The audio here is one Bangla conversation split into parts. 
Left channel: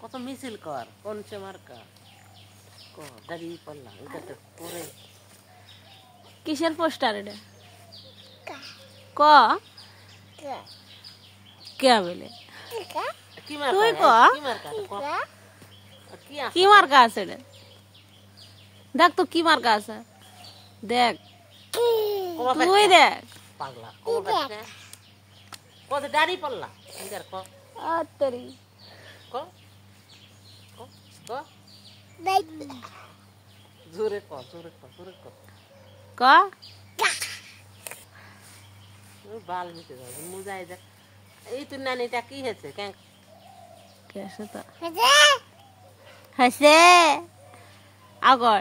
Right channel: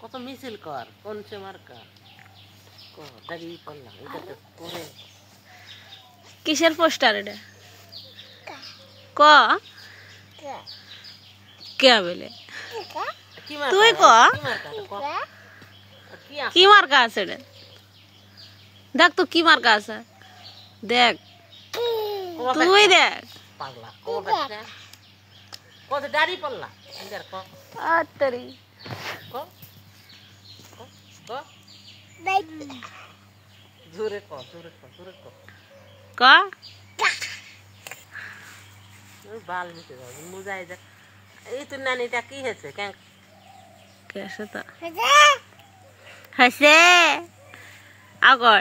কত মিছিল কর কোন সে মার্কা ক দাঁড়িয়ে পড়লাম এটাতে পরে কিসের পোস্টার এটা ক কে বলে তুই ক কি মার্কা আছে রে দেখ তো কি মার্কা আছে দেখ তুই দেখ পাগলা কত দাঁড়িয়ে পড়লা আত্তরি ক জোরে ক ক বাল মিটে যাবে মুজাই দেখ এই তোর নানিটা কি হয়েছে কেন কেসে তো হাসে আগর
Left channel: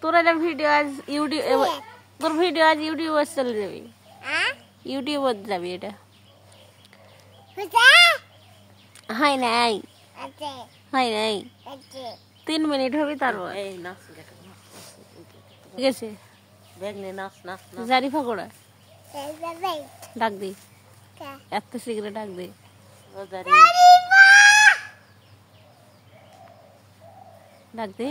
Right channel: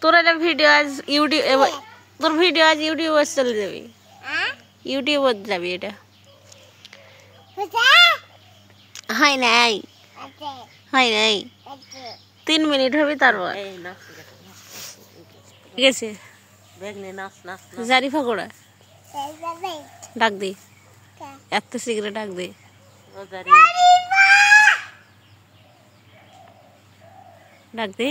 তোর এটা ভিডিও আজ ইউটিউব তোর ভিডিও আজ ইউটিউবে চলে যাবি ইউটিউবে যাবি এটা হাই নাই 3 মিনিট হবে তারপর ঠিক আছে জারিফা করে ডাক দি এত সিগারেট ডাক দি ডাক দি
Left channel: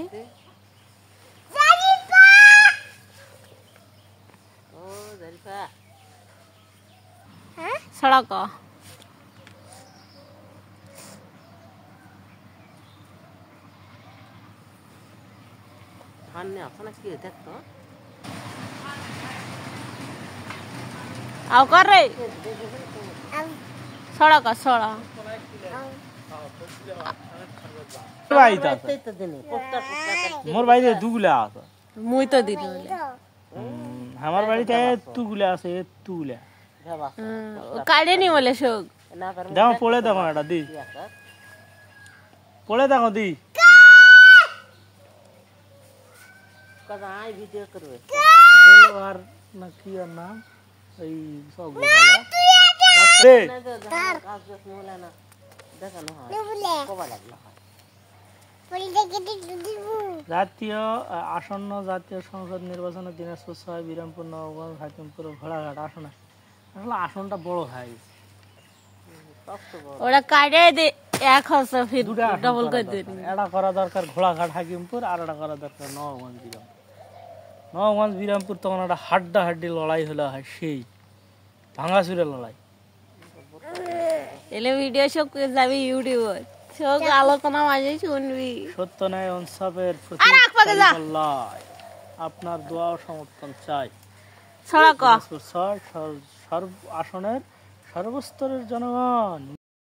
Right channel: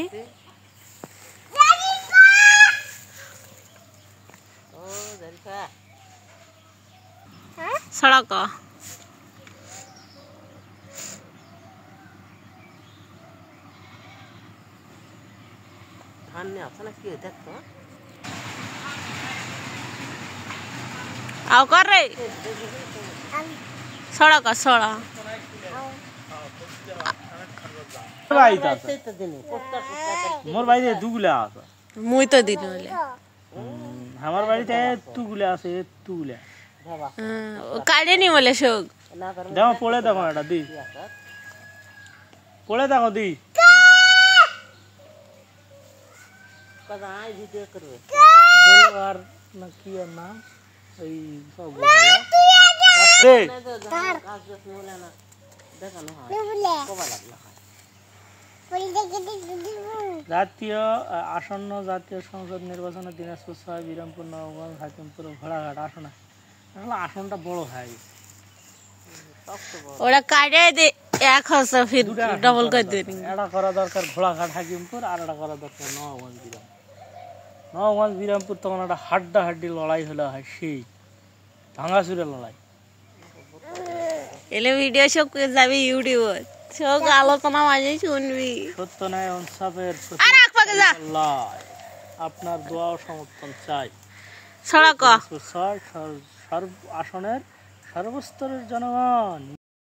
সড়ক आओ कर रे सड़क सड़ा मोर बाড়িতে দুগুলা আছে মুই তো দিন বলে আমার বাড়িতে তুগুলা আছে তুগুলা কাটে নি বলে শোক দাও পড়ে দাও এটা দি পড়ে দাও দি কদা আই ভিডিও করবে দেলোয়ার না কি আর নাম এই সব দে কাজ দস মোলা না দেখানো হয় কবা লাগলো জাতীয় আসন্ন জাতীয় সংসদ নির্বাচনের দিনাজপুর ৬ বিরামপুর নবগঞ্জ হাকিমপুর ঘোড়াঘাট আসনে আসলে আসনটা বড় হয় ওরা কাটে দে এক হচ্ছে ফির ডবল করে দেনি এটা করা দরকার ঘোড়াঘাট হাকিমপুর আর এটা করা দরকার নবগঞ্জ বিরামপুর তখন একটা হাড্ডাহাড্ডি লড়াই হলো হয় সেই ভাঙাচুরে লড়াই এলে ভিডিও সব যাবি ইউটিউবে সব আলোচনা মাঝে শুনবি সত্য ন্যায় ইনসাফের আপনার দোয়া ও সমর্থন চাই সড়ক আসনের সর্বস্তরের জনগণ